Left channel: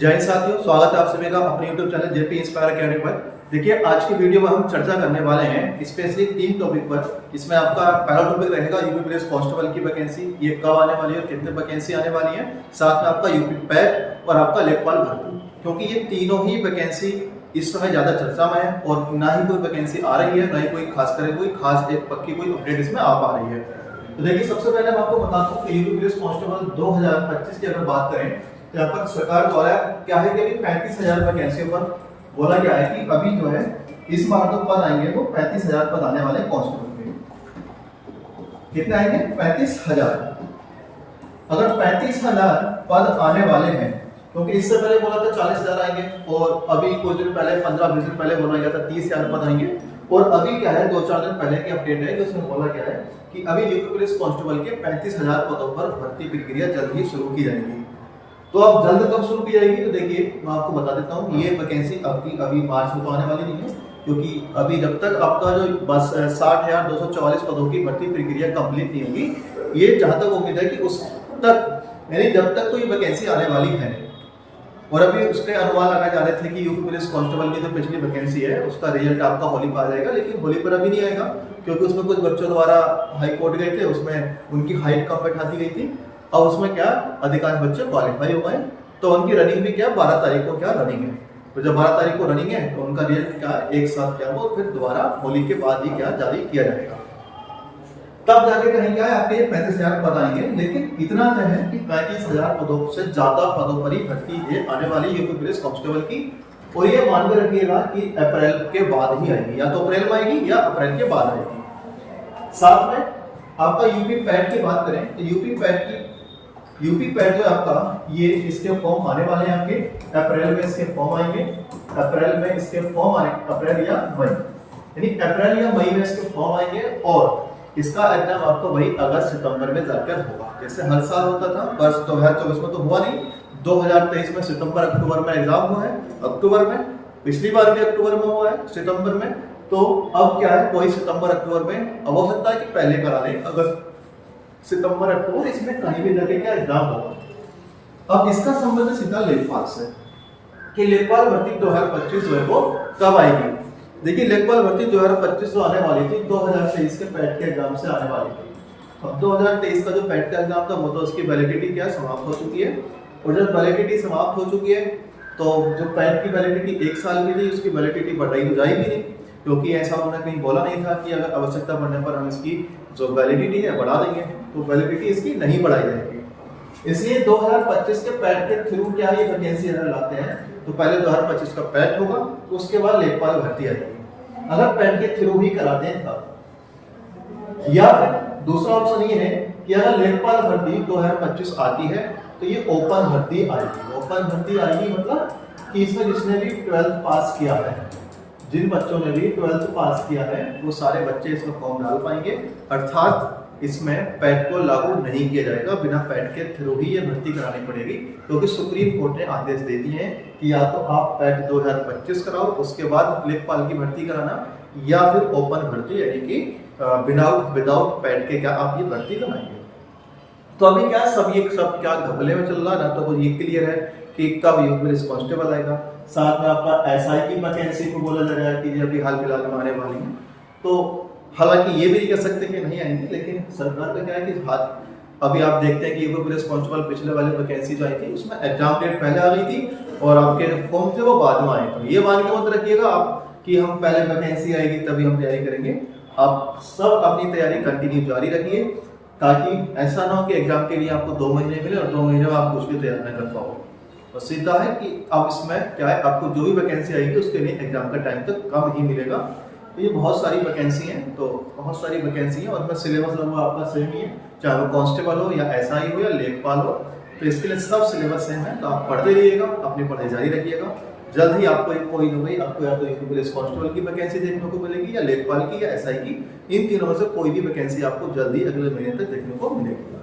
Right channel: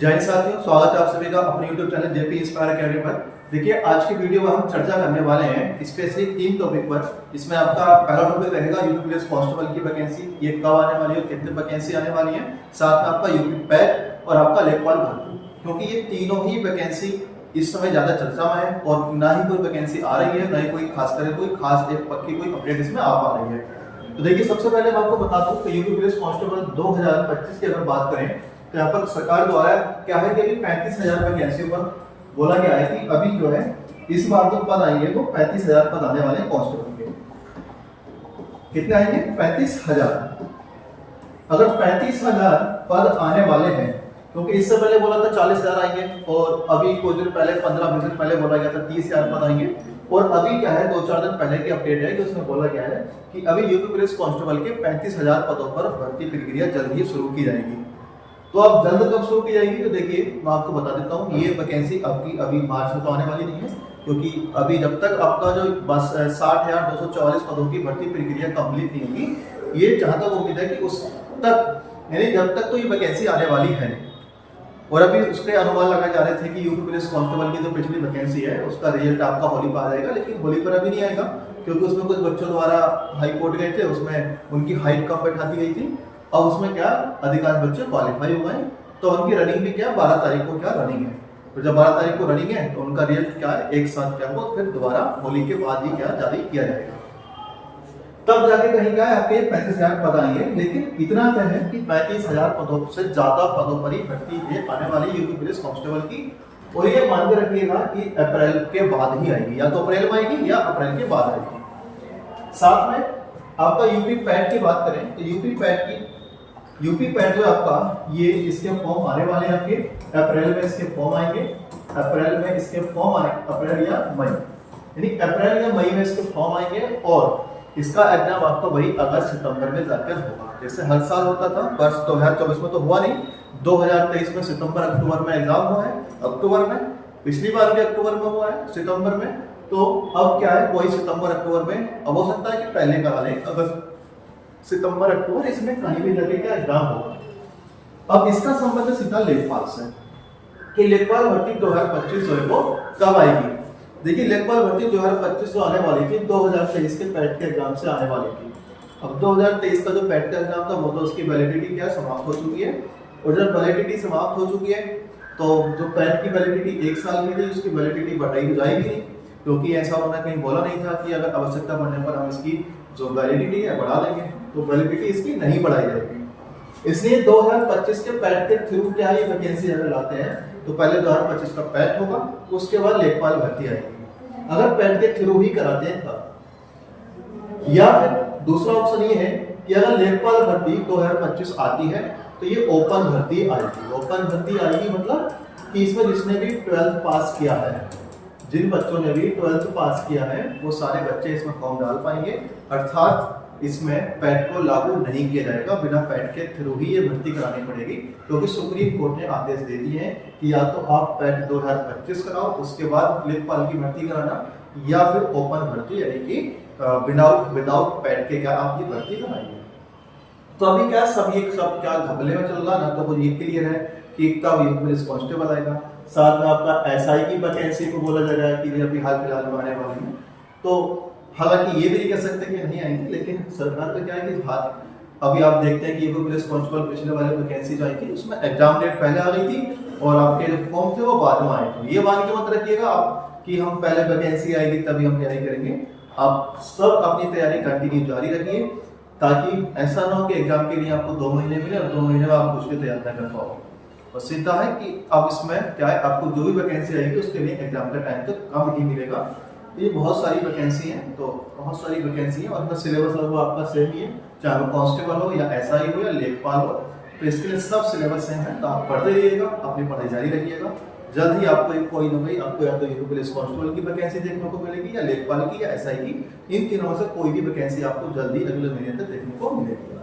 जय हिंद साथियों, स्वागत है आप सभी का अपने YouTube channel JP inspire academy पर। देखिए, आज की वीडियो में हम चर्चा करने वाले हैं स्पेशली 3 टॉपिक पर। इसमें आपका पहला टॉपिक रहेगा यूपी पुलिस कांस्टेबल की वैकेंसी, ये कब आने वाली है और कितने वैकेंसी आने वाली है। साथ में आपका यूपी पैट और आपका लेखपाल भर्ती, क्योंकि ये तीनों ही वैकेंसी इस समय ज्यादा चर्चा में है और ना ही कोई वैकेंसी आ रही है, ना ही कोई खास एक पक्की कोई अपडेट इसमें आ पा रही है। तो देखिए, सबसे पहले मैं आपको बताता हूँ कि यूपी पुलिस कांस्टेबल 2025 की अगर बात करें तो यहाँ पर सरकार द्वारा क्या है कि अभी 35,000 वैकेंसी पर बोला गया है कि अभी जो है इस बार तो पद आएंगे वो 35,000 पद आने वाले हैं कांस्टेबल के। कितने आएंगे? 35,000। अगर 35,000 पद आने वाले हैं, क्योंकि इससे पहले बोला था 40,000 आएंगे और अभी कुछ दिन पहले 15-20 दिन पहले बोला गया था 30,000 पद आएंगे। और अभी क्या है, 2-4 दिन पहले की अपडेट है कि उसमें बोला गया है कि अभी यूपी पुलिस कांस्टेबल के 35,000 पदों पर भर्ती प्रक्रिया जल्द ही शुरू की जाएगी। तो अब जल्द कब शुरू की जाएगी? तो देखिए, मैं आपको बता देता हूँ, ये वैकेंसी अभी मार्च में तो आने वाली नहीं है, क्योंकि अभी जब तक आपका जो बस 60,244 पदों की भर्ती प्रक्रिया कंप्लीट नहीं होगी, ये जहां तक उम्मीद है कि उस तक यानी जब तक तो ये वैकेंसी आने वाली है। और अभी उसके अनुमान लगाए जा रहे थे कि यूपी पुलिस कांस्टेबल की जो पिछली वैकेंसी है उसका रिजल्ट आपका होली पर आ जाएगा, लेकिन होली पर अभी नहीं आएगा, क्योंकि उसमें कुछ बच्चों द्वारा हाई कोर्ट गए थे, उसमें उनकी हाइट कम बैठा दी गई थी। अब उसमें क्या अधिकांश बच्चे क्वालिफाई हो गए, तो उनकी रनिंग भी क्या 12 तारीख को क्या रनिंग है। तो जब 12 तारीख को रनिंग है तो उनका रिजल्ट क्या है, एक साथ क्या वो फिर दोबारा होली के बाद ही क्या जारी किया जाएगा। तब जाके कहीं क्या है आपके 35,000 पद आएंगे। लेकिन इतना तय है कि 35,000 पदों से ज्यादा पदों पर ही भर्ती है आने वाली यूपी पुलिस कांस्टेबल की। और ये मान के रखिएगा कि अप्रैल के बाद ही आएगी, या तो अप्रैल में आएगी या अप्रैल के बाद आएगी। साथ में आपका यूपी पैट की बात करें तो यूपी पैट जो आपका ये इसके फॉर्म आने वाले हैं आपके अप्रैल में, इसके फॉर्म आएंगे अप्रैल में, इसके फॉर्म आने अप्रैल या मई, यानी अप्रैल या मई में इसके फॉर्म आएंगे। और इसका एग्जाम आपका वही अगस्त सितंबर में जाकर होगा, जैसे हर साल होता था। वर्ष 2024 में तो हुआ नहीं, 2023 में सितंबर अक्टूबर में एग्जाम हुआ है, अक्टूबर में, पिछली बार भी अक्टूबर में हुआ है, सितंबर में। तो अब क्या है, वही सितंबर अक्टूबर में। अब हो सकता है कि पहले करा लें, अगस्त सितंबर अक्टूबर, इसमें कहीं भी जाके क्या एग्जाम होगा। अब इसका संबंध सीधा लेखपाल से कि लेखपाल भर्ती 2025 जो है वो कब आएगी। देखिए, लेखपाल भर्ती 2025 जो आने वाली थी 2023 के पैट के एग्जाम से आने वाली थी। अब 2023 का जो पैट का एग्जाम था वो तो उसकी वैलिडिटी क्या समाप्त हो चुकी है। और जब वैलिडिटी समाप्त हो चुकी है तो जो पैट की वैलिडिटी 1 साल की थी उसकी वैलिडिटी बढ़ाई तो जाएगी नहीं, क्योंकि ऐसा उन्होंने कहीं बोला नहीं था कि अगर आवश्यकता पड़ने पर हम इसकी जो वैलिडिटी है बढ़ा देंगे, तो वैलिडिटी इसकी नहीं बढ़ाई जाएगी। इसलिए 2025 के पैट के थ्रू क्या ये वैकेंसी अगर लाते हैं तो पहले 2025 का पैट होगा, उसके बाद लेखपाल भर्ती आएगी। अगर पैट के थ्रू ही कराते हैं तब, या फिर दूसरा ऑप्शन ये है कि अगर लेखपाल भर्ती 2025 आती है तो ये ओपन भर्ती आएगी। ओपन भर्ती आएगी मतलब कि इसमें जिसने भी 12th पास किया है, जिन बच्चों ने भी 12th पास किया है वो सारे बच्चे इसमें फॉर्म डाल पाएंगे। अर्थात इसमें पैट को लागू नहीं किया जाएगा, बिना पैट के थ्रू ही ये भर्ती करानी पड़ेगी, क्योंकि सुप्रीम कोर्ट ने आदेश दे दिए हैं कि या तो आप पैट 2025 कराओ, उसके बाद लेखपाल की भर्ती कराना, या फिर ओपन भर्ती यानी कि विदाउट पैट के क्या आप ये भर्ती कराइए। तो अभी क्या सब क्या घपले में चल रहा है ना, तो ये क्लियर है कि कब यूपी पुलिस कांस्टेबल आएगा। साथ में आपका एसआई की वैकेंसी को बोला जा रहा है कि अभी हाल फिलहाल में आने वाली है। तो हालांकि ये भी नहीं कह सकते कि नहीं आएंगी, लेकिन सरकार का क्या है कि अभी आप देखते हैं कि यूपी पुलिस कांस्टेबल पिछले वाले वैकेंसी जो आई थी उसमें एग्जाम डेट पहले आ गई थी और आपके जो फॉर्म थे वो बाद में आए। तो ये मान के मत रखिएगा आप कि हम पहले वैकेंसी आएगी तभी हम तैयारी करेंगे। आप सब अपनी तैयारी कंटिन्यू जारी रखिए, ताकि ऐसा ना हो कि एग्जाम के लिए आपको 2 महीने मिले और 2 महीने में आप कुछ भी तैयार न कर पाओ। और सीधा है कि अब इसमें क्या है, आपको जो भी वैकेंसी आएगी उसके लिए एग्जाम का टाइम तक कम ही मिलेगा। तो ये बहुत सारी वैकेंसी हैं, तो बहुत सारी वैकेंसी हैं और इसमें सिलेबस लगभग आपका सेम ही है, चाहे वो कांस्टेबल हो या एसआई हो या लेखपाल हो। तो इसके लिए सब सिलेबस सेम है, तो आप पढ़ते रहिएगा, अपनी पढ़ाई जारी रखिएगा। जल्द ही आपको कोई ना कोई आपको या तो यूपी पुलिस कांस्टेबल की वैकेंसी देखने को मिलेगी, या लेखपाल की, या एसआई की। इन तीनों में से कोई भी वैकेंसी आपको जल्दी अगले महीने तक देखने को मिलेगी।